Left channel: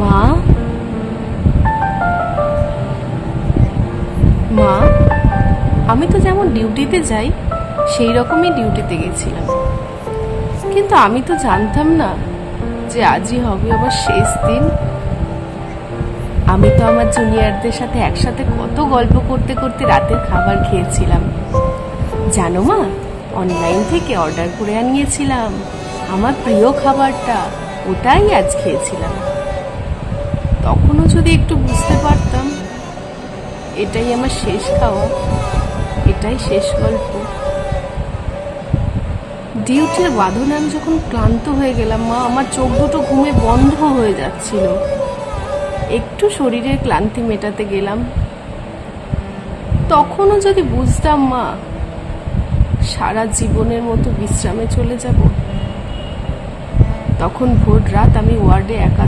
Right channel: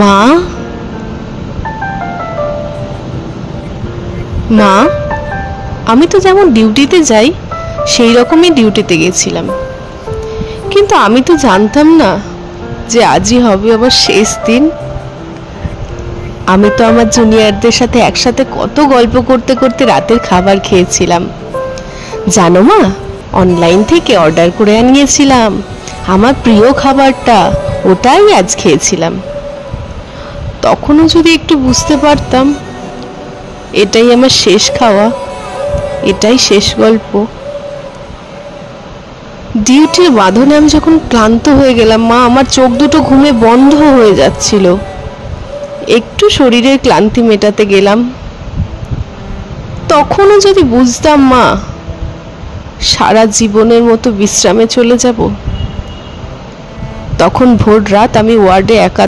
মা, মা, আমি তো যেমন ডিউটিতে যাই সেই রকমই ডিউটিতে গেছিলাম, কিন্তু আমি তো জানতাম না যে আজই হবে আবার শেষ দিন। আমি তো আমার জুনিয়রদের সাথে একসাথে কত গল্প করতে করতে রাতের খাবার খেয়েছিলাম জানো মা। অনলাইন থেকে অর্ডার করে আনিয়েছিলাম আমার প্রিয় খাবারটা, ওটাই আজ খেয়েছিলাম। তখনও যদি একটু বুঝতে পারতাম এটাই আমার শেষ খাওয়া, এটাই শেষ গল্প। ডিউটির বাঁধনে আমি যখন ক্লান্ত হয়ে গেলাম মা, আমার চোখ দুটো ঘুমে বন্ধ হয়ে যাচ্ছিল। একটু শরীরের ক্লান্তি মেটাতে গেলাম, তখনও যদি বুঝতাম মা সারা জীবনের মতো বিশ্রামে চলে যাব, তখন ভোর রাত আমি ওয়ার্ডে একা